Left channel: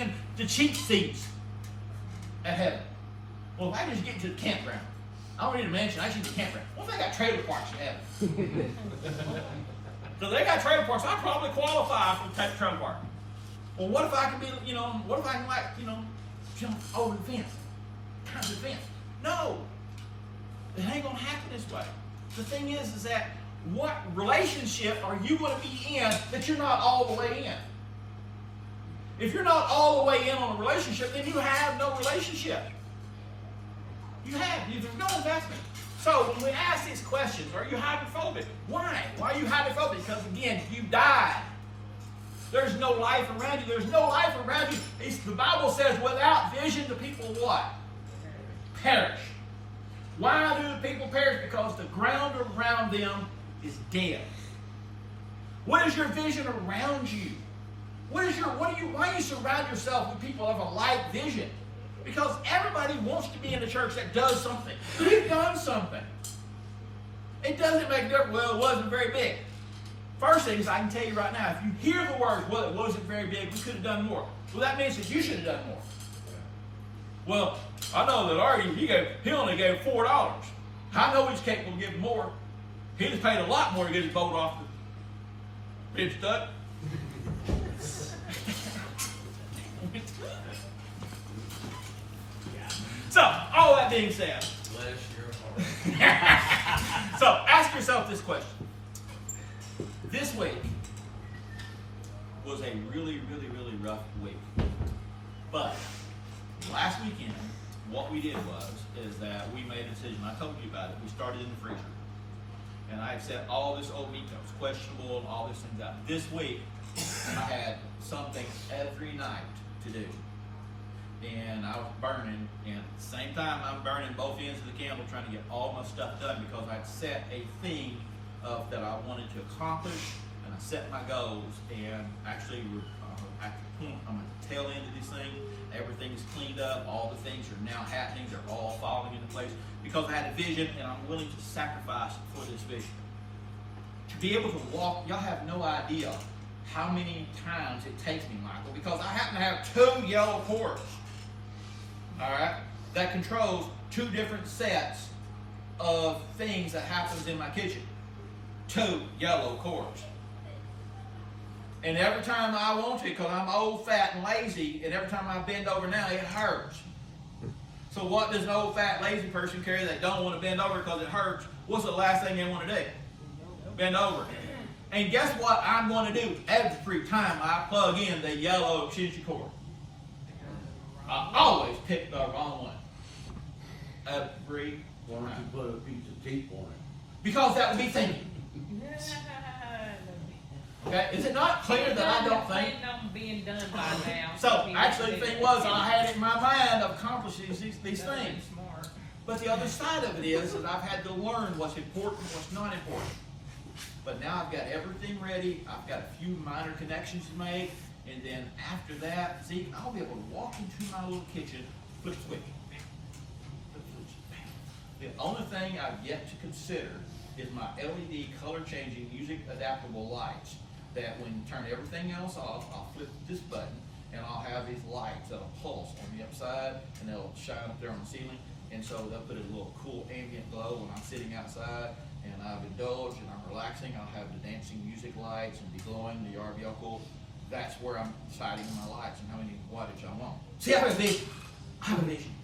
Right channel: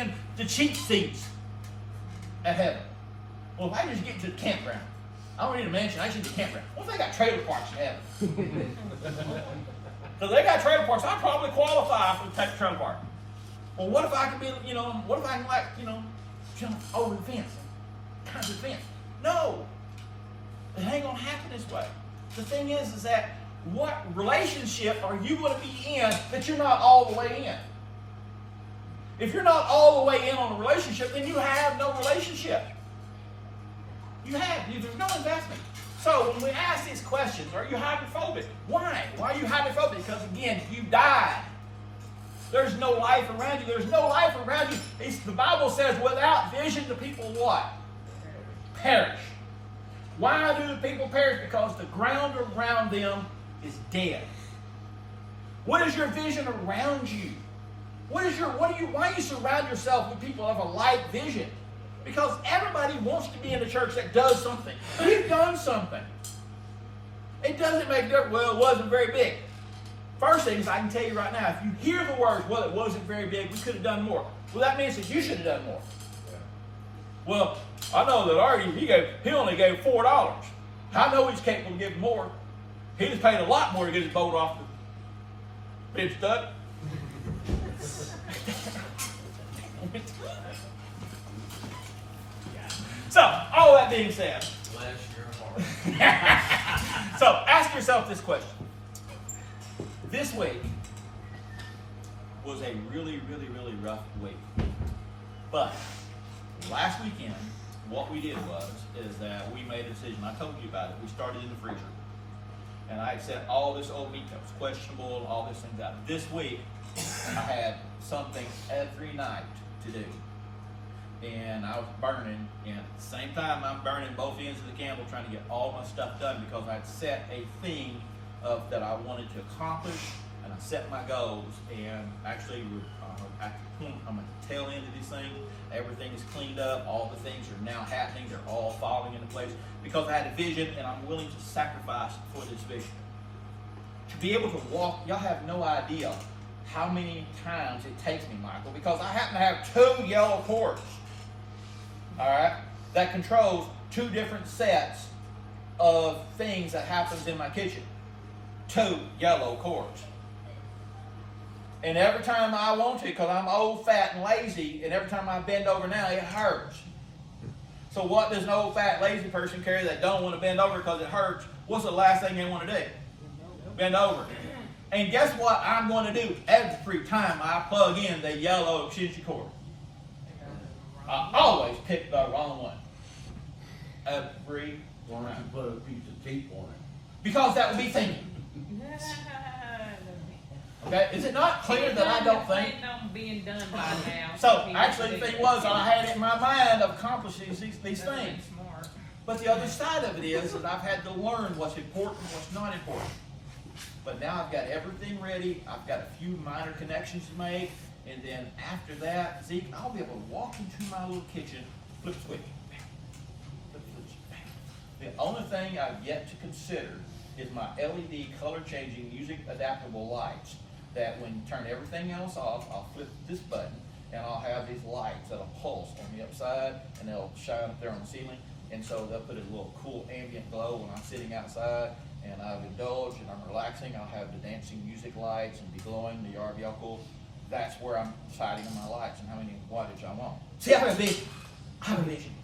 being the cheap seats at heaven. Well, if I just get to the campground, I don't need a mansion, I just need the campground. What if I got trailer parks in heaven? So they got trailer parks, I probably qualify for the trailer park. Well, what if I can be, what if I can jump over the fence? Climb the fence? No. It ain't going to happen this way. The thing is that what relationship are you going to be in that you're not all the way in? If you're not all the way in on a relationship, then you have no relationship. There's no investment. So when we ask these questions, are you hydrophobic? Why? Why are you hydrophobic? Because again, you died. There's no life around you. There's no life around you. The Bible says, without vision, the people what? Perish. Why do the people perish? Because the ground around them is dead. What is your vision around you? Why do you surround yourself with people of a like vision? Because everybody wants to be in a church that does something. You've done something. It doesn't make difference. Well, it wasn't very big. First thing is, I can tell you right now, if you hear the words, well, it wasn't very big, we could have done more. Well, that means that you should have done more. Well, I know that Artie, he only gave $4. I know he's capable of giving more. He just paid a lot more to get his boat off the big stuff. So, all that being said, so ask yourself this question. This week was a really, really, really rough week. But last weekend, what we did is that we made a decision. I told you about it. We started in the freezer. And I said all this old week was questionable, all this and that. This week, I had something every night to do. And I was burning, and at the same time I'm burning both ends of the candle trying to get all my stuff done because I'd set a theme that I wanted to accomplish, and I set my goals, and actually on the tail end of this thing, everything is cleaned up, all the things are now happening, they're all falling into place because I had a vision and I'm willing to sacrifice for this vision. To be able to walk, y'all have no idea how many times it takes me, Michael, because I happen to have 2 yellow cords. All right, that controls 2 different sets of things that happens in my kitchen. 2 yellow cords. And every time I want to, because I'm old, fat, and lazy, and every time I bend over now, it hurts. So what does an old, fat, lazy person carry that don't want to bend over because it hurts? What's the last thing they want to do? Bend over. And guess what I'm going to do every time I plug in the yellow extension cord? I always pick the wrong one. Every Or I can put a piece of tape on it. Because that would be thinking. Okay, is it not clear that I don't think? So, actually, the thing was, I had it in my mind of accomplishing these things. But the other side of it is that I've had to learn what's important and what's not important. But now I've got everything ready. I've got a few minor connections to make. And then after that, see, I'll be able to walk into my little kitchen, flip the switch. The only thing I've yet to consider is my LED color-changing, music adaptable lights. That when you turn everything else off, I'll flip this button, and I'll have these lights that'll pulse on the upside, and they'll shine up there on the ceiling. And so they'll put a little cool ambient glow when I'm sitting outside, and I'll indulge, and I'm relaxing. I'll have the dancing music lights and the glowing, the RBL cool. That's where I'm deciding on my lights and how many wattage I want. See, I have a vision. I have a vision.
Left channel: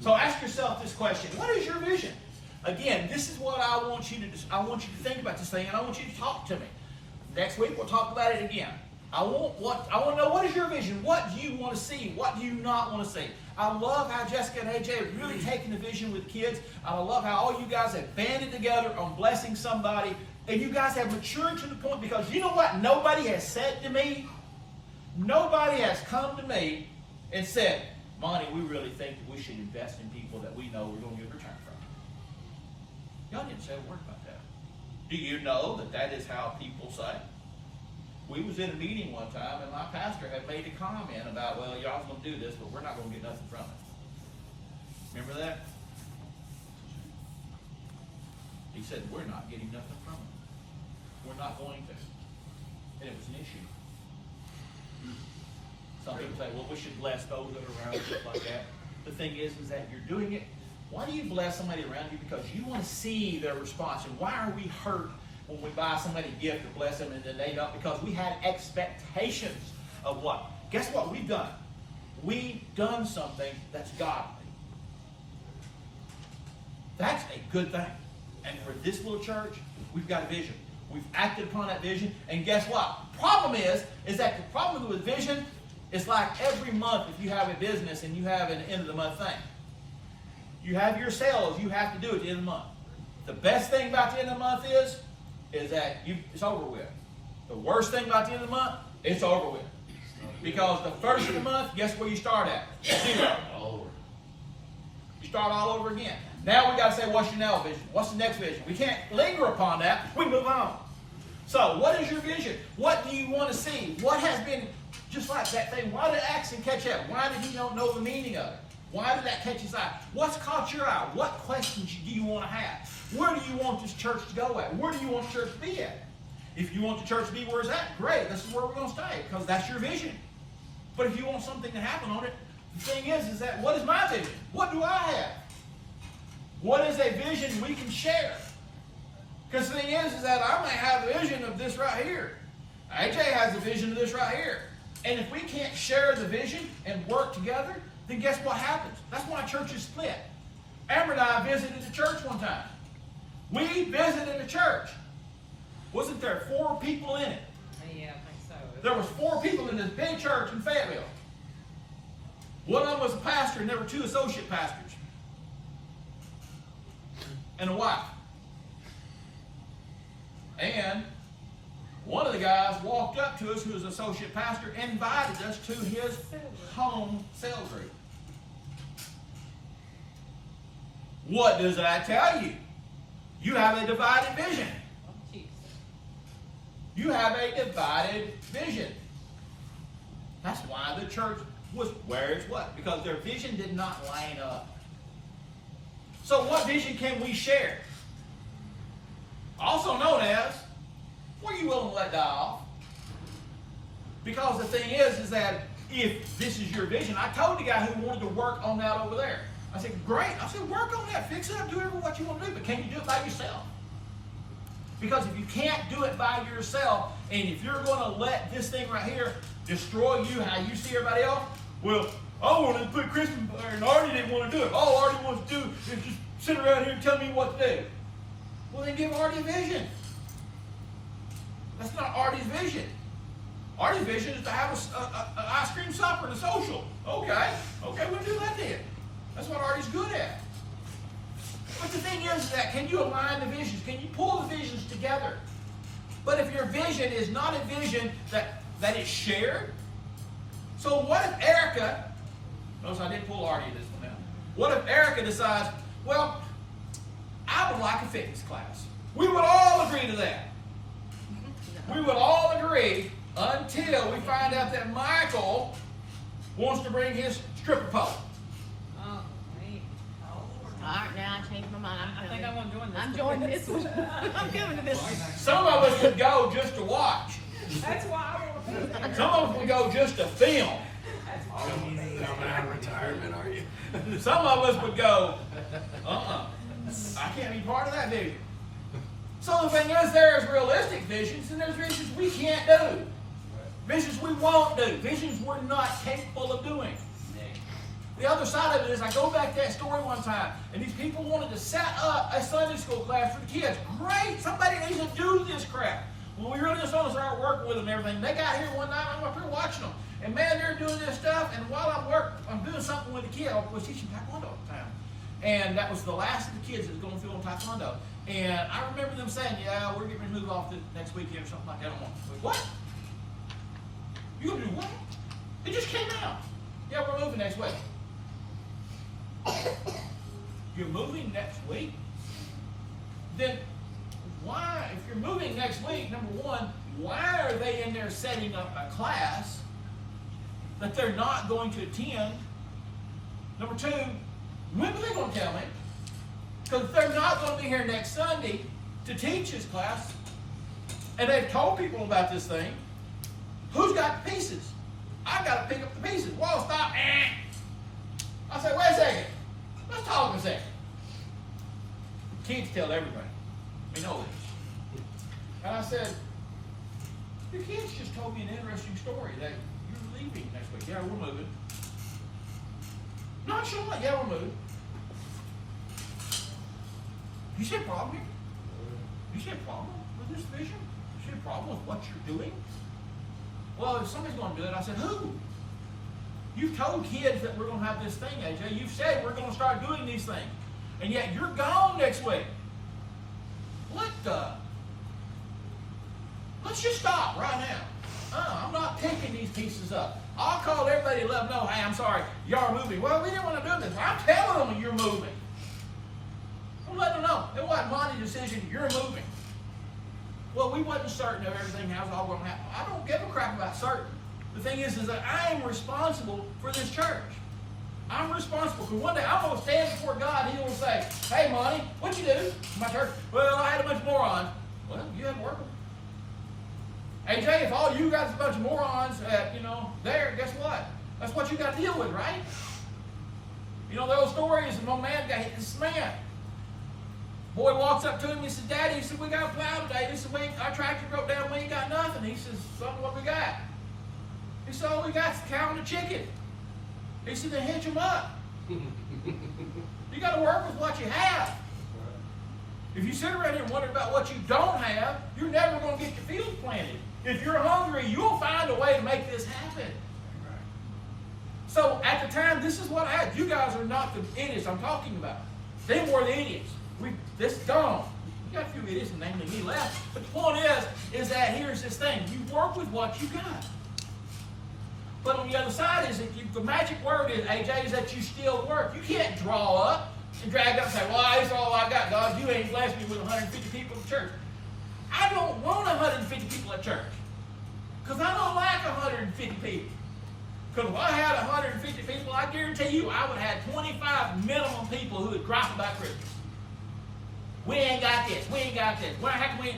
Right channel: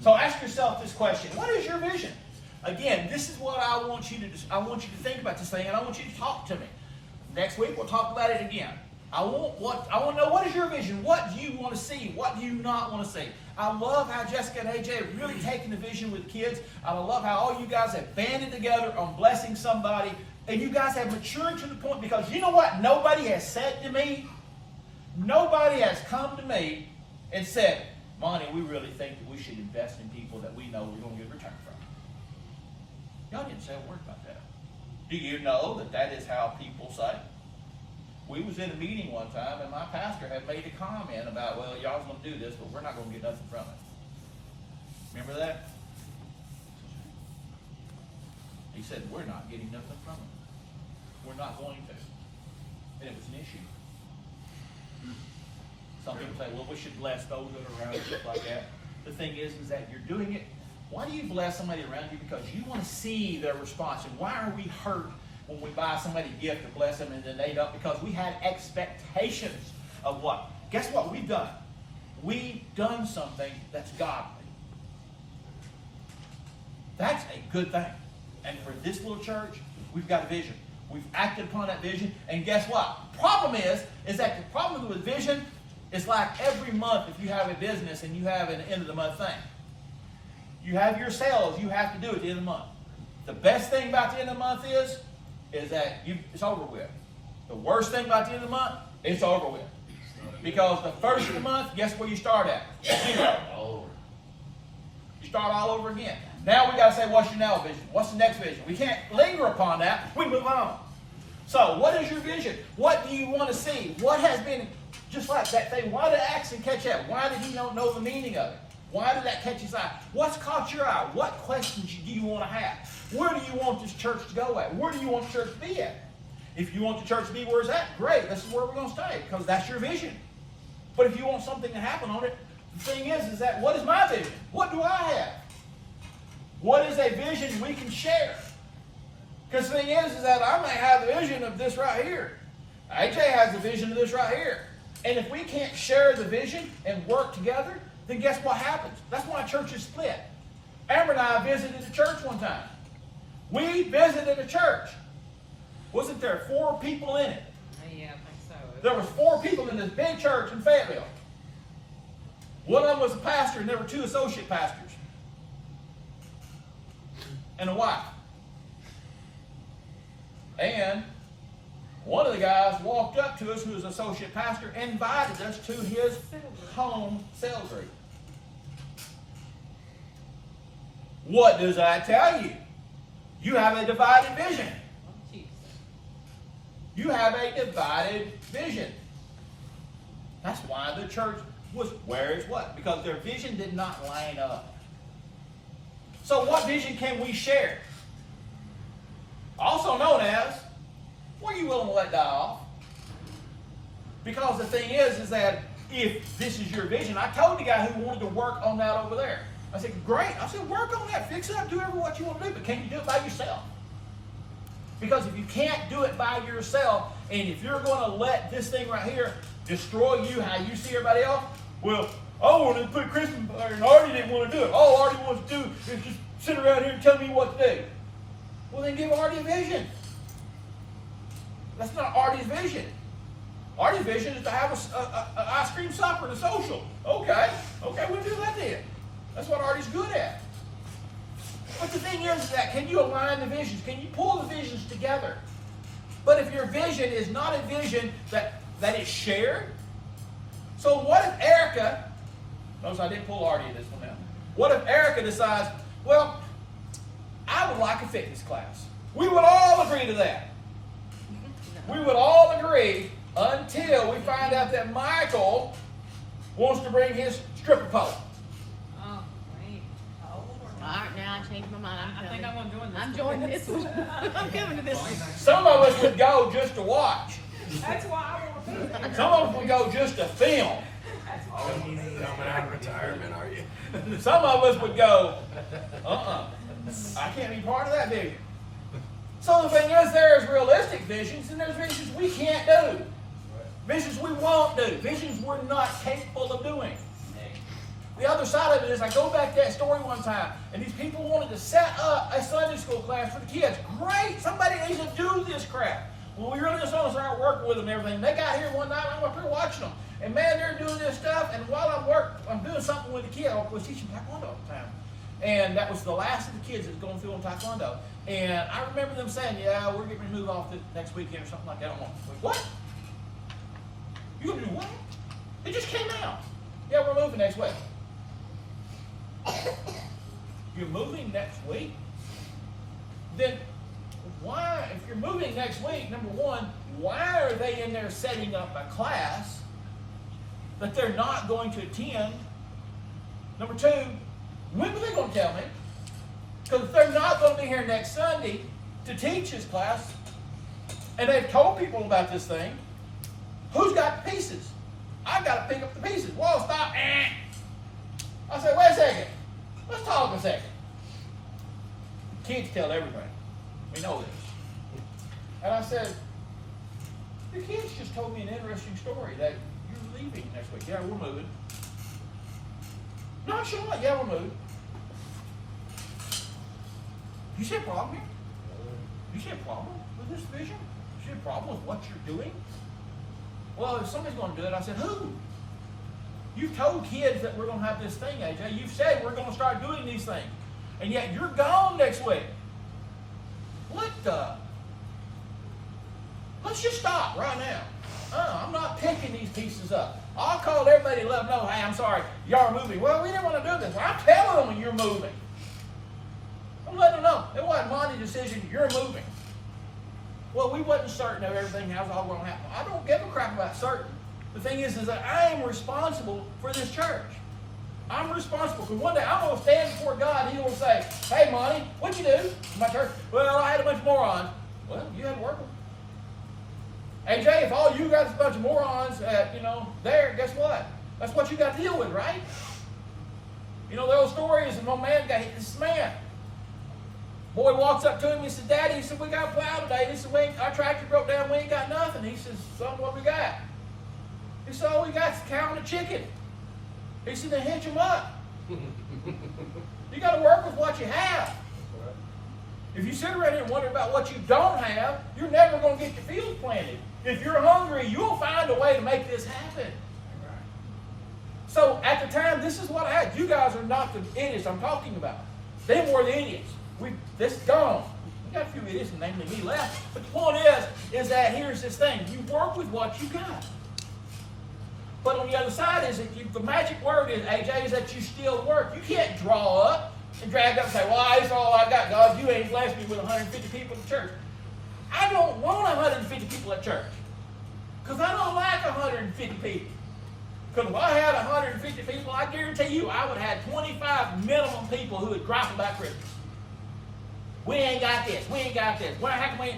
So ask yourself this question: what is your vision? Again, this is what I want you to do. I want you to think about this thing, and I want you to talk to me. Next week we'll talk about it again. I want to know, what is your vision? What do you want to see? What do you not want to see? I love how Jessica and AJ have really taken the vision with kids. I love how all you guys have banded together on blessing somebody, and you guys have matured to the point, because you know what? Nobody has said to me, nobody has come to me and said, Monty, we really think that we should invest in people that we know we're going to get return from. Y'all didn't say a word about that. Do you know that that is how people say? We was in a meeting one time, and my pastor had made a comment about, well, y'all going to do this, but we're not going to get nothing from it. Remember that? He said, we're not getting nothing from it. We're not going to. And it was an issue. Some people say, well, we should bless those that are around us, stuff like that. The thing is that you're doing it. Why do you bless somebody around you? Because you want to see their response. And why are we hurt when we buy somebody a gift to bless them and then they don't? Because we have expectations of what? Guess what we've done? We've done something that's godly. That's a good thing. And for this little church, we've got a vision. We've acted upon that vision. And guess what? The problem is that the problem with vision is like every month if you have a business and you have an end of the month thing. You have your sales you have to do at the end of the month. The best thing about the end of the month is that it's over with. The worst thing about the end of the month, it's over with. Because the first of the month, guess where you start at? Zero. You start all over again. Now we got to say, what's your now vision? What's the next vision? We can't linger upon that. We move on. So, what is your vision? What do you want to see? What has been, just like that thing, why did it actually catch up? Why did you not know the meaning of it? Why did that catch his eye? What's caught your eye? What questions do you want to have? Where do you want this church to go at? Where do you want the church to be at? If you want the church to be where it's at, great. This is where we're going to stay because that's your vision. But if you want something to happen on it, the thing is that what is my vision? What do I have? What is a vision we can share? Because the thing is that I may have the vision of this right here. AJ has the vision of this right here. And if we can't share the vision and work together, then guess what happens? That's why churches split. Amber and I visited the church one time. We visited a church. Wasn't there 4 people in it? Yeah, I think so. There was 4 people in this big church in Fayetteville. One of them was a pastor, and there were 2 associate pastors. And a wife. And one of the guys walked up to us, who was an associate pastor, and invited us to his home cell group. What does that tell you? You have a divided vision. You have a divided vision. That's why the church was where it's what? Because their vision did not line up. So what vision can we share? Also known as, what are you willing to let die off? Because the thing is that if this is your vision, I told the guy who wanted to work on that over there. I said, great. I said, work on that. Fix it up. Do what you want to do. But can you do it by yourself? Because if you can't do it by yourself, and if you're going to let this thing right here destroy you, how you see everybody else, well, I wanted to put Christmas there, and Artie didn't want to do it. All Artie wants to do is just sit around here and tell me what to do. Well, then give Artie a vision. That's not Artie's vision. Artie's vision is to have an ice cream supper and a social. Okay, we'll do that then. That's what Artie's good at. But the thing is that can you align the visions? Can you pull the visions together? But if your vision is not a vision that is shared, so what if Erica, notice I didn't pull Artie in this one now. What if Erica decides, well, I would like a fitness class. We would all agree to that. We would all agree until we find out that Michael wants to bring his stripper pole. All right, now I changed my mind. I'm joining this one. I'm giving to this one. Some of us would go just to watch. That's why I don't want to. Some of us would go just to film. Coming out of retirement, are you? Some of us would go, I can't be part of that vision. So the thing is, there's realistic visions and there's visions we can't do. Visions we won't do. Visions we're not capable of doing. The other side of it is, I go back to that story one time, and these people wanted to set up a Sunday school class for the kids. Great, somebody needs to do this crap. Well, we really just want to start working with them and everything. They got here one night, I'm up here watching them. And man, they're doing this stuff, and while I'm doing something with the kid, I was teaching Taekwondo at the time. And that was the last of the kids that was going to film Taekwondo. And I remember them saying, yeah, we're getting removed off the next weekend or something like that. I'm like, what? You gonna do what? It just came out. Yeah, we're moving next week. You're moving next week? Then why, if you're moving next week, number one, why are they in there setting up a class that they're not going to attend? Number two, when are they going to tell me? Because if they're not going to be here next Sunday to teach this class, and they've told people about this thing, who's got the pieces? I got to pick up the pieces. Wall stop. I said, wait a second. Let's talk a second. Kids tell everybody. We know this. And I said, the kids just told me an interesting story that you were leaving next week. Yeah, we're moving. No, sure not. Yeah, we're moving. You see a problem? You see a problem with this vision? You see a problem with what you're doing? Well, if somebody's going to do it, I said, who? You told kids that we're going to have this thing, AJ. You said we're going to start doing these things. And yet you're gone next week. What the? Let's just stop right now. I'm not picking these pieces up. I'll call everybody to let them know, hey, I'm sorry, y'all are moving. Well, we didn't want to do this. Well, I'm telling them you're moving. We'll let them know. It wasn't my decision, you're moving. Well, we wasn't certain of everything that was all going to happen. I don't give a crap about certain. The thing is that I am responsible for this church. I'm responsible. So one day I'm going to stand before God and He will say, hey, Monty, what'd you do in my church? Well, I had a bunch of morons. Well, you had to work with them. AJ, if all you got is a bunch of morons, there, guess what? That's what you got to deal with, right? You know, the old story is one man got hit this man. Boy walks up to him, he said, Daddy, he said, we got a plow today. He said, our tractor broke down, we ain't got nothing. He says, son, what do we got? He said, all we got is a cow and a chicken. He said, then hitch him up. You got to work with what you have. If you sit around here and wonder about what you don't have, you're never going to get your feelings planted. If you're hungry, you'll find a way to make this happen. So at the time, this is what happened. You guys are not the idiots I'm talking about. They were the idiots. This is gone. You got a few idiots and namely me left. But the point is that here's this thing. You work with what you got. But on the other side is that the magic word is, AJ, is that you still work. You can't draw up and drag up and say, well, that's all I got, God. You ain't blessed me with 150 people at church. I don't want 150 people at church. Because I don't like 150 people. Because if I had 150 people, I guarantee you I would have 25 minimum people who would drop about Christmas. We ain't got this. We ain't got this. How can we?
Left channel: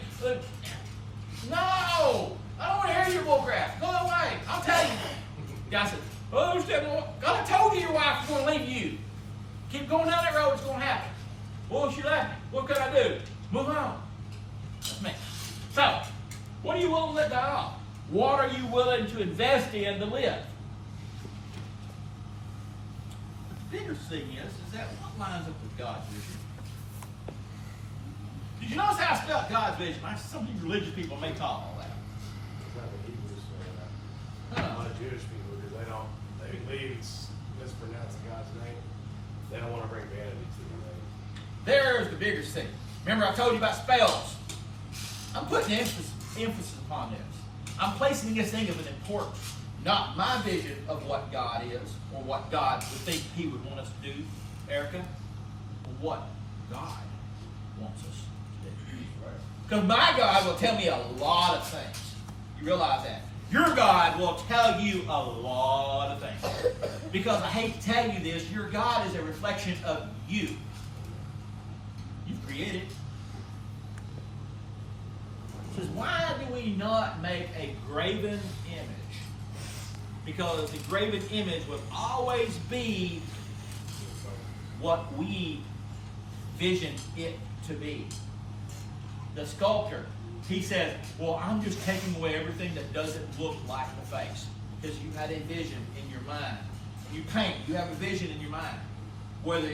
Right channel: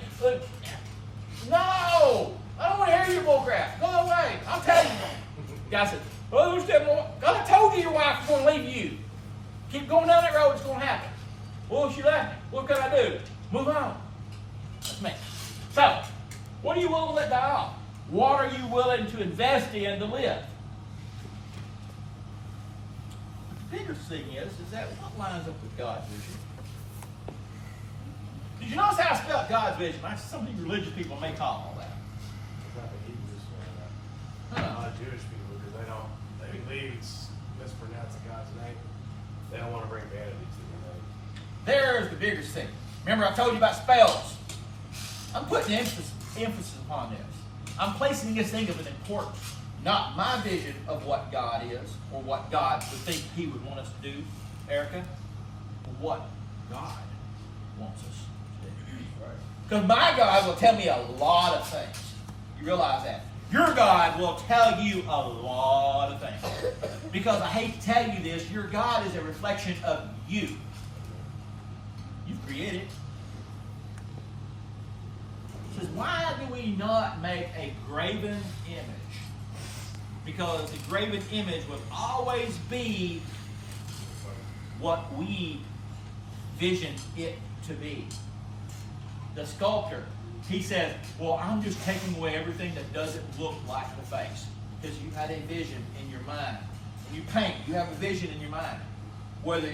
No! I don't want to hear your bull crap. Go away. I'll tell you. God said, well, God told you your wife is going to leave you. Keep going down that road, it's going to happen. Well, she left me. What can I do? Move on. So, what are you willing to let die off? What are you willing to invest in to live? The bigger thing is that what lines up with God's vision? Did you notice how I stuck God's vision? Some of these religious people may talk about that. Jewish people, because they mispronounce God's name. They don't want to bring vanity to the There's the biggest thing. Remember I told you about spells. I'm putting emphasis upon this. I'm placing this thing of an importance. Not my vision of what God is or what God would think He would want us to do, Erica, but what God wants us to do. Because my God will tell me a lot of things. You realize that? Your God will tell you a lot of things. Because I hate to tell you this, your God is a reflection of you. You created. He says, why do we not make a graven image? Because the graven image will always be what we vision it to be. The sculptor, he says, well, I'm just taking away everything that doesn't look like a face. Because you had a vision in your mind. When you paint, you have a vision in your mind. Whether